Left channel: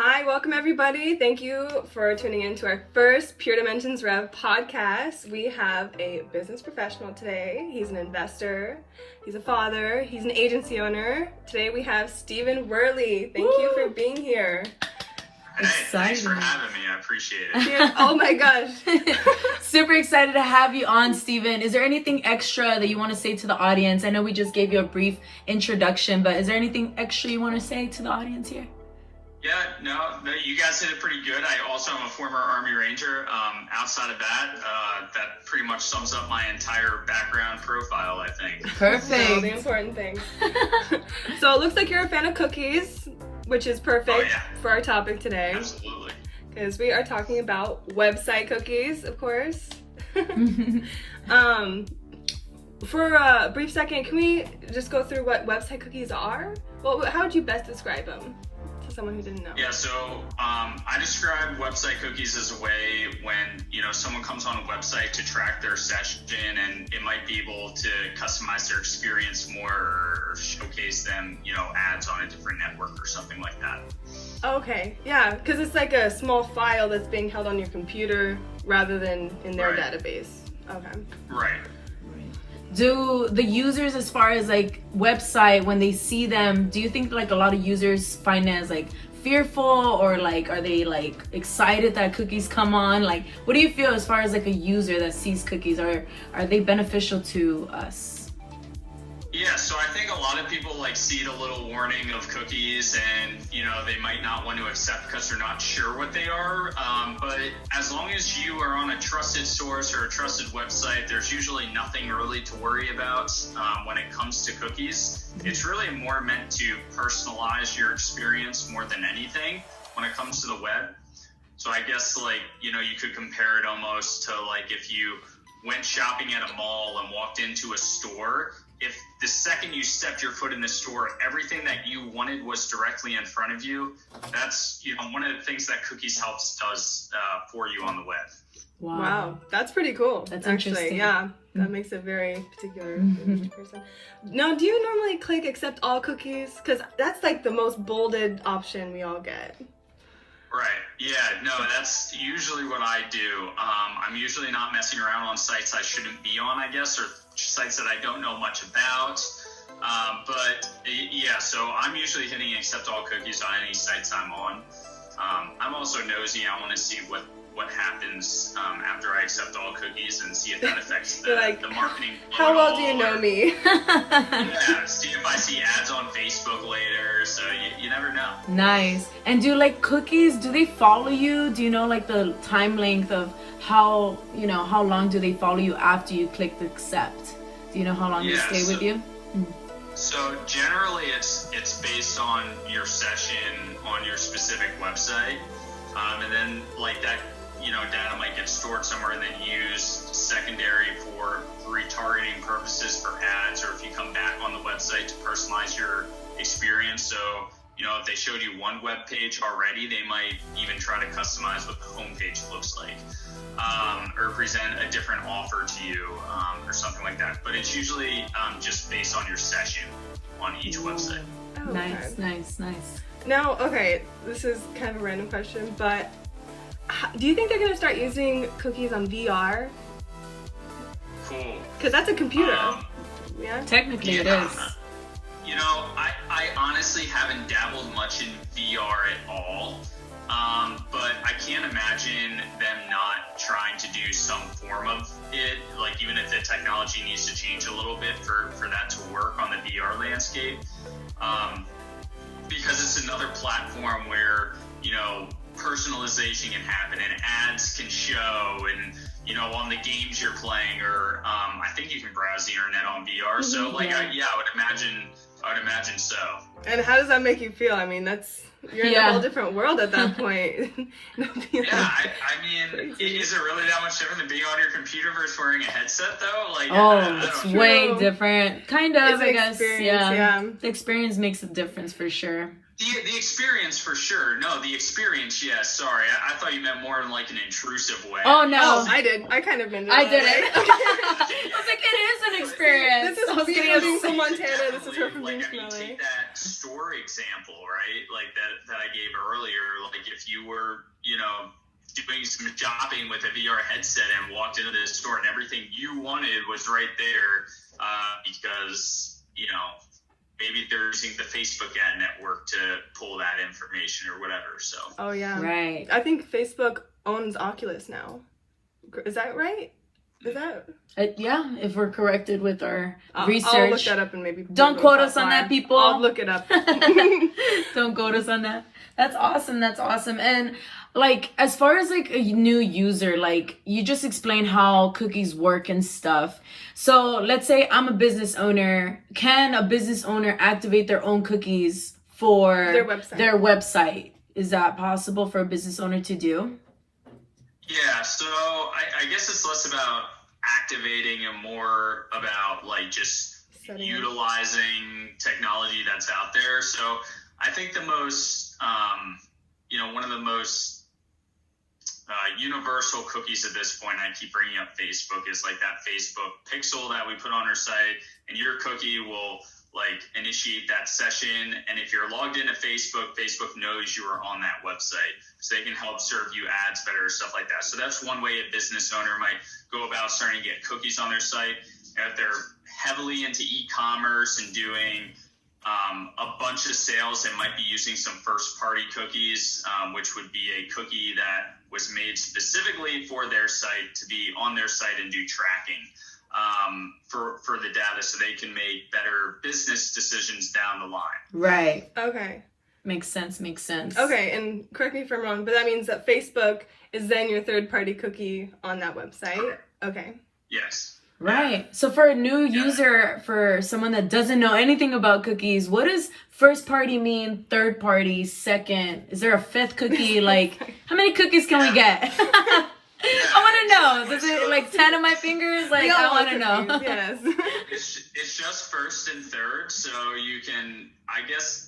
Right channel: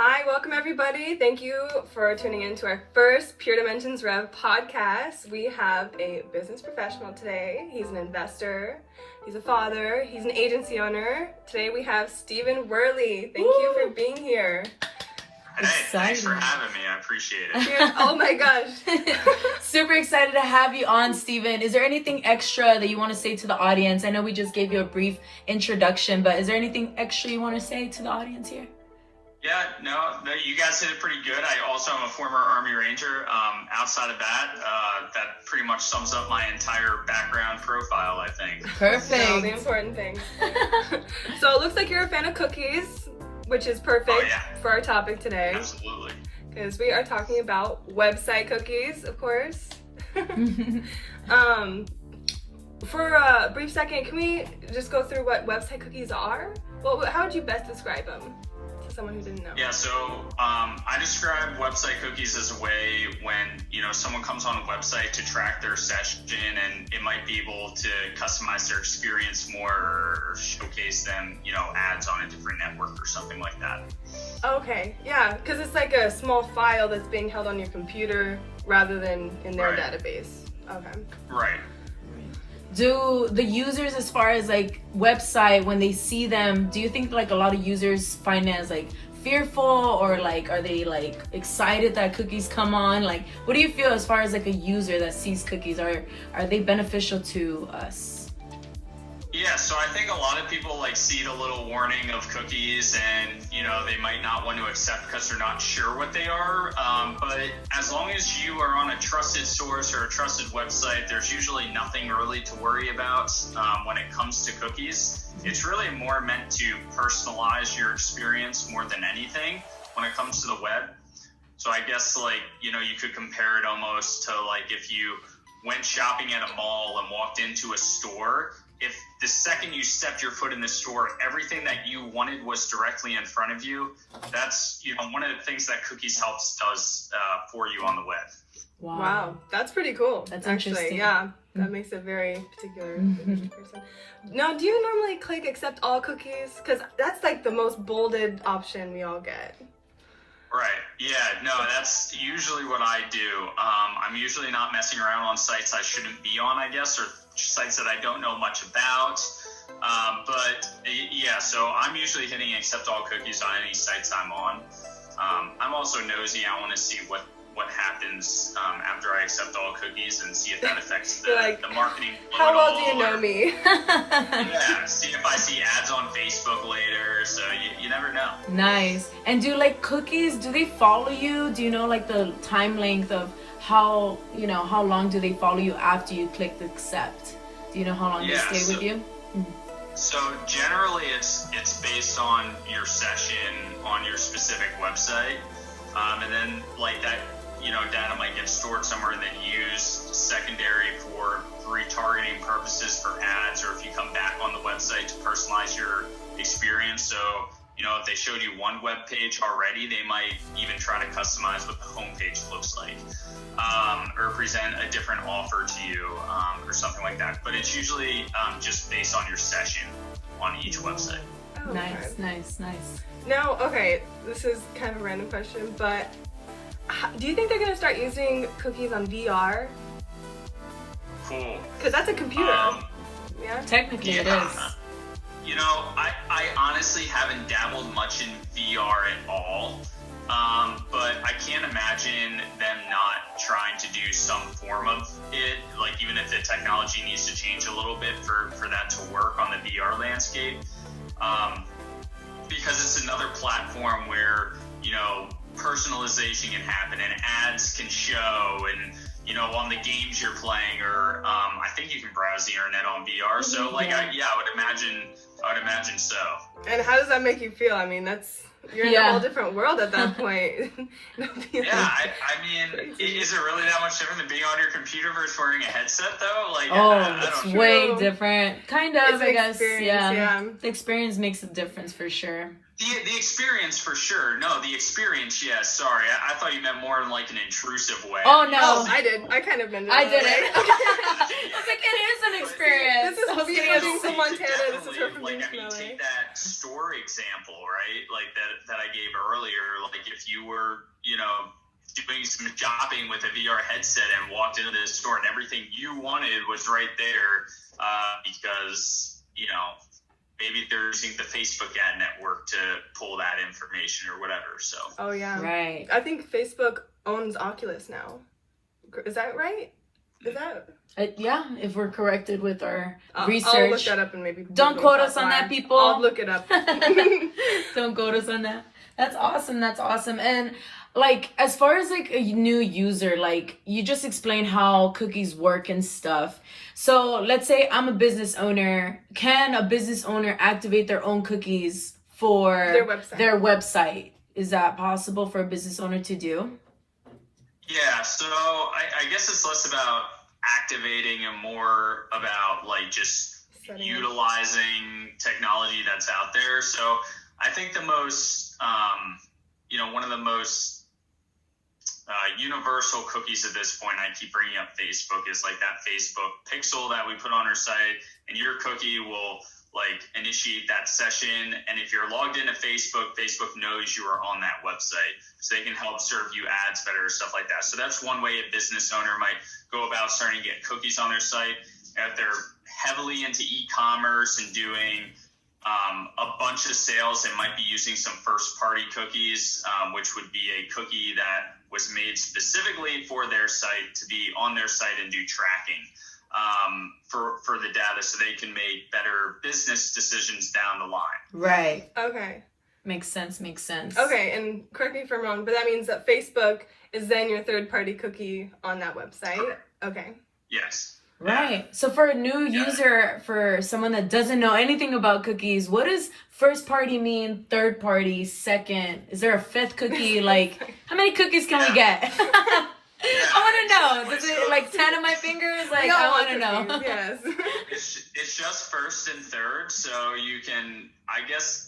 Hi, welcome everybody. Thank you for tuning in to our first Pure Dimensions Rev podcast. We have a business professional today. He's an investor, he's a father, he's an agency owner. Today we have Stephen Werley. Thank you for being here. Hey, thanks for having me. I appreciate it. Yeah, oh my gosh. Super excited to have you on, Stephen. Is there anything extra that you want to say to the audience? I know we just gave you a brief introduction, but is there anything extra you want to say to the audience here? Yeah, no, you guys did it pretty good. I also am a former Army Ranger. Outside of that, that pretty much sums up my entire background profile, I think. Perfect. All the important things. So it looks like you're a fan of cookies, which is perfect for our topic today. Absolutely. Because we are talking about website cookies, of course. For a brief second, can we just go through what website cookies are? Well, how would you best describe them to someone who didn't know? Yeah, so I describe website cookies as a way when, someone comes on a website to track their session, and it might be able to customize their experience more or showcase them, ads on a different network or something like that. Okay, yeah, because it's like a small file that's being held on your computer rather than in their database. Okay. Right. Do the users, as far as like website, when they see them, do you think like a lot of users find it as like fearful, or like are they like excited that cookies come on? Like, what do you feel as far as like a user that sees cookies? Are they beneficial to us? Yeah, so I think a lot of people like see the little warning of cookies and, they might not want to accept because they're not sure what they are. But as long as you are on a trusted source or a trusted website, there's usually nothing really to worry about when it comes to cookies. It's really more meant to personalize your experience more than anything when it comes to the web. So I guess you could compare it almost to like if you went shopping at a mall and walked into a store. If the second you stepped your foot in the store, everything that you wanted was directly in front of you, that's one of the things that Cookies Helps does for you on the web. Wow, that's pretty cool. That's actually interesting. Yeah, that makes it very particular to each person. Now, do you normally click accept all cookies? Because that's like the most bolded option we all get. Right. Yeah. No, that's usually what I do. I'm usually not messing around on sites I shouldn't be on, I guess, or sites that I don't know much about. But yeah, so I'm usually hitting accept all cookies on any sites I'm on. I'm also nosy. I want to see what happens after I accept all cookies and see if that affects the marketing. How well do you know me? Yeah, see if I see ads on Facebook later. So you never know. Nice. And do like cookies, do they follow you? Do you know like the time length of how long do they follow you after you click accept? Do you know how long they stay with you? So generally it's based on your session on your specific website. And then like that, data might get stored somewhere and then used secondary for retargeting purposes for ads, or if you come back on the website to personalize your experience. So, if they showed you one web page already, they might even try to customize what the homepage looks like, or present a different offer to you, or something like that. But it's usually just based on your session on each website. Nice. Now, okay, this is kind of a random question, but do you think they're going to start using cookies on VR? Cool. Because that's a computer. Yeah. Technically it is. I honestly haven't dabbled much in VR at all, but I can't imagine them not trying to do some form of it, like even if the technology needs to change a little bit for that to work on the VR landscape, because it's another platform where, personalization can happen and ads can show, and on the games you're playing, or I think you can browse the internet on VR. So I would imagine so. And how does that make you feel? I mean, you're in a whole different world at that point. I mean, is it really that much different than being on your computer versus wearing a headset, though? It's way different. Kind of, I guess. Yeah. The experience makes a difference for sure. The experience for sure. No, the experience, yes. Sorry, I thought you meant more in like an intrusive way. Oh, no. I did. I kind of been. I did it. I was like, it is an experience. This is supposed to be in Montana. Definitely, take that store example, right? Like that I gave earlier. Like if you were, doing some shopping with a VR headset and walked into this store and everything you wanted was right there, because, maybe they're using the Facebook ad network to pull that information or whatever. So. Oh yeah. Right. I think Facebook owns Oculus now. Is that right? Is that? Yeah, if we're corrected with our I'll research. look that up and maybe. Don't quote us on that, people. I'll look it up. Don't quote us on that. That's awesome. That's awesome. And like, as far as like a new user, like you just explained how cookies work and stuff. So let's say I'm a business owner. Can a business owner activate their own cookies for their website? Is that possible for a business owner to do? Yeah, so I guess it's less about activating and more about like just utilizing technology that's out there. So I think the most, one of the most universal cookies at this point, I keep bringing up Facebook, is like that Facebook pixel that we put on our site, and your cookie will like initiate that session. And if you're logged into Facebook, Facebook knows you are on that website, so they can help serve you ads better, stuff like that. So that's one way a business owner might go about starting to get cookies on their site. If they're heavily into e-commerce and doing a bunch of sales, they might be using some first-party cookies, which would be a cookie that was made specifically for their site to be on their site and do tracking for the data, so they can make better business decisions down the line. Right. Okay. Makes sense. Okay, and correct me if I'm wrong, but that means that Facebook is then your third-party cookie on that website. Okay. Yes. Right. Yeah. So for a new user, for someone that doesn't know anything about cookies, what does first party mean? Third party, second? Is there a fifth cookie? Like, how many cookies can we get? I want to know. Is it like 10 of my fingers? Like, I want to know. Yes. It's just first and third, so you can, I guess,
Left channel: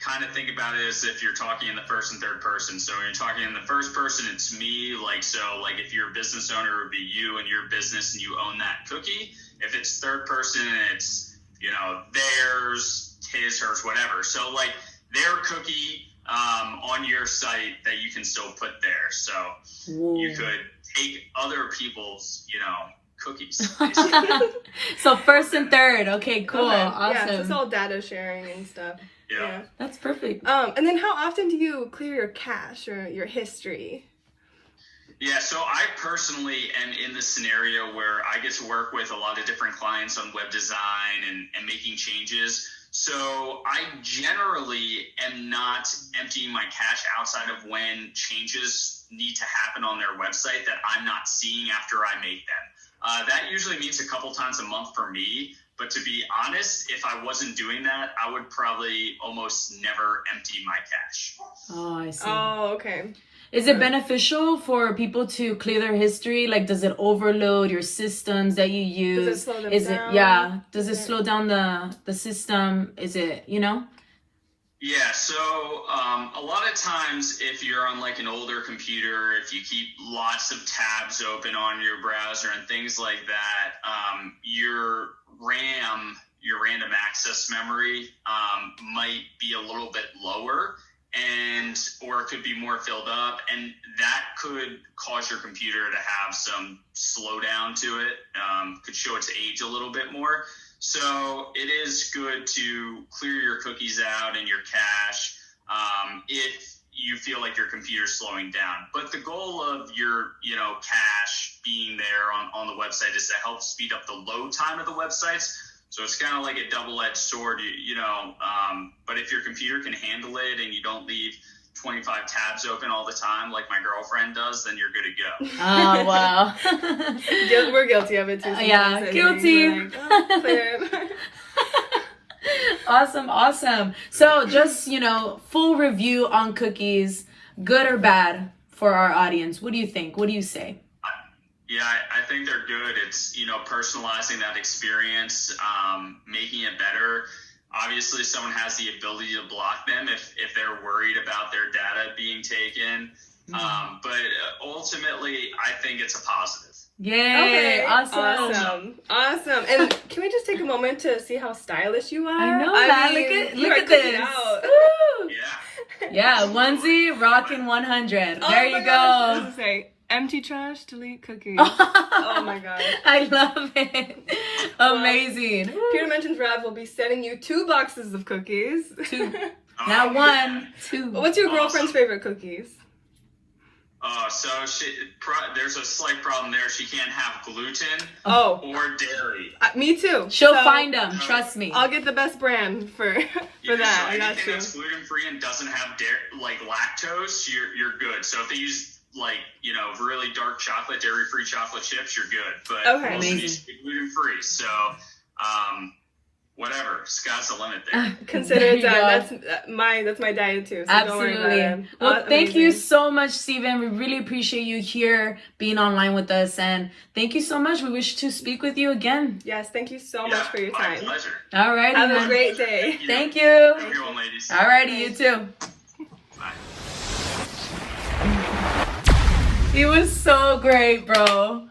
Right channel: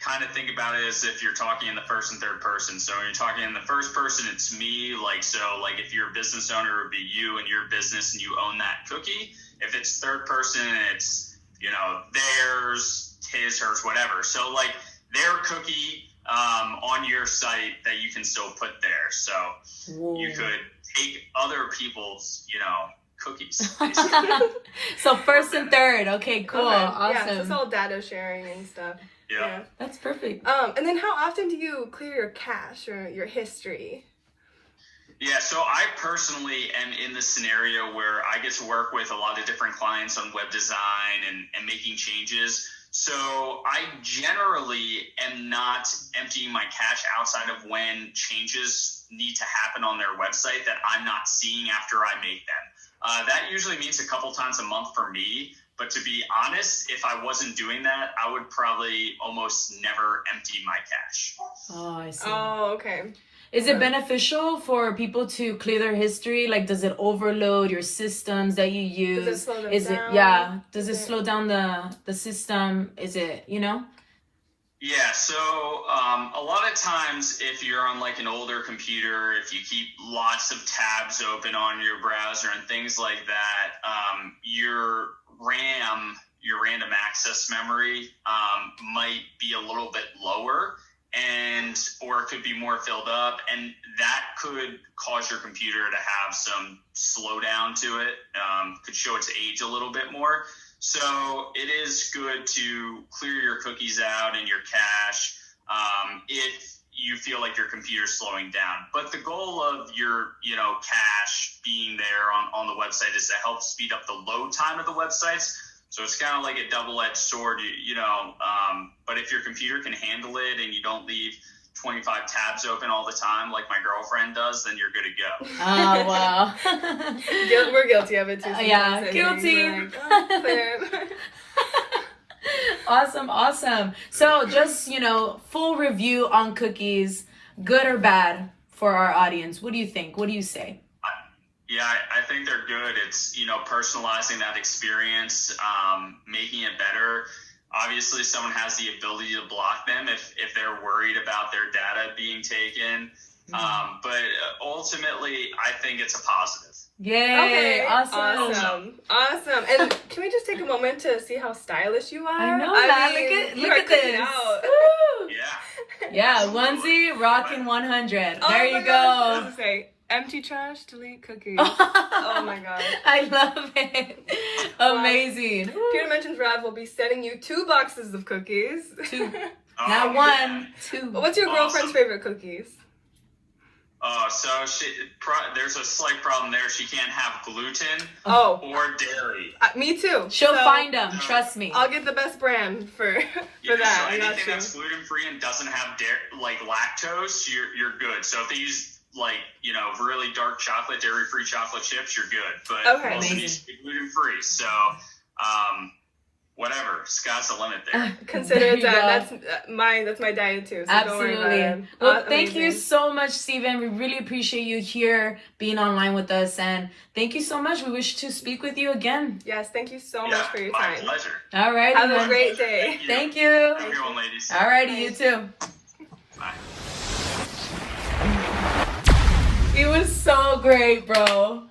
kind of think about it as if you're talking in the first and third person. So when you're talking in the first person, it's me. Like, so like if you're a business owner, it would be you and your business and you own that cookie. If it's third person, it's, theirs, his, hers, whatever. So like their cookie on your site that you can still put there. So you could take other people's, cookies. So first and third. Okay, cool. Okay. Awesome. Yeah, it's all data sharing and stuff. Yeah. That's perfect. And then how often do you clear your cache or your history? Yeah, so I personally am in the scenario where I get to work with a lot of different clients on web design and making changes. So I generally am not emptying my cache outside of when changes need to happen on their website that I'm not seeing after I make them. That usually means a couple times a month for me. But to be honest, if I wasn't doing that, I would probably almost never empty my cache. Oh, I see. Oh, okay. Is it beneficial for people to clear their history? Like, does it overload your systems that you use? Does it slow them down? Yeah. Does it slow down the system? Is it, Yeah, so a lot of times if you're on like an older computer, if you keep lots of tabs open on your browser and things like that, your RAM, your random access memory, might be a little bit lower, or it could be more filled up, and that could cause your computer to have some slowdown to it, could show its age a little bit more. So it is good to clear your cookies out and your cache if you feel like your computer's slowing down. But the goal of your, cache being there on the website is to help speed up the load time of the websites. So it's kind of like a double-edged sword, but if your computer can handle it and you don't leave 25 tabs open all the time like my girlfriend does, then you're good to go. Oh, wow. We're guilty of it too. Yeah, guilty. Awesome. So just, full review on cookies, good or bad for our audience. What do you think? What do you say? Yeah, I think they're good. It's, personalizing that experience, making it better. Obviously, someone has the ability to block them if they're worried about their data being taken. But ultimately, I think it's a positive. Yay! Okay, Awesome. awesome. And can we just take a moment to see how stylish you are? I know that. mean, Look you are at this. cooking out. Woo! Yeah. Yeah, Absolutely. onesie, rocking 100. Oh There my you gosh, I was go. gonna say, empty trash, delete cookies. Oh my god. I love it. Amazing. Pure Dimensions Rev will be sending you 2 boxes of cookies. Oh, Not yeah. one, 2. What's your girlfriend's Awesome. favorite cookies? So there's a slight problem there. She can't have gluten Oh, or dairy. me too. She'll So, find them, trust me. I'll get the best brand for Yeah, that. so I got anything you. that's gluten free and doesn't have like lactose, you're good. So if they use like really dark chocolate, dairy free chocolate chips, you're good. But Okay. also Amazing. needs to be gluten free. So whatever, sky's the limit there. Consider There it you done. go. That's my diet too. So Don't worry about Absolutely. it. Well, thank you Amazing. so much, Steven. We really appreciate you here being online with us. And thank you so much. We wish to speak with you again. Yes, thank you so much Yeah, for your my time. pleasure. All right. Have a great day. Thank you. Have a good one, ladies. All righty, you too. Bye. It was so great, bro.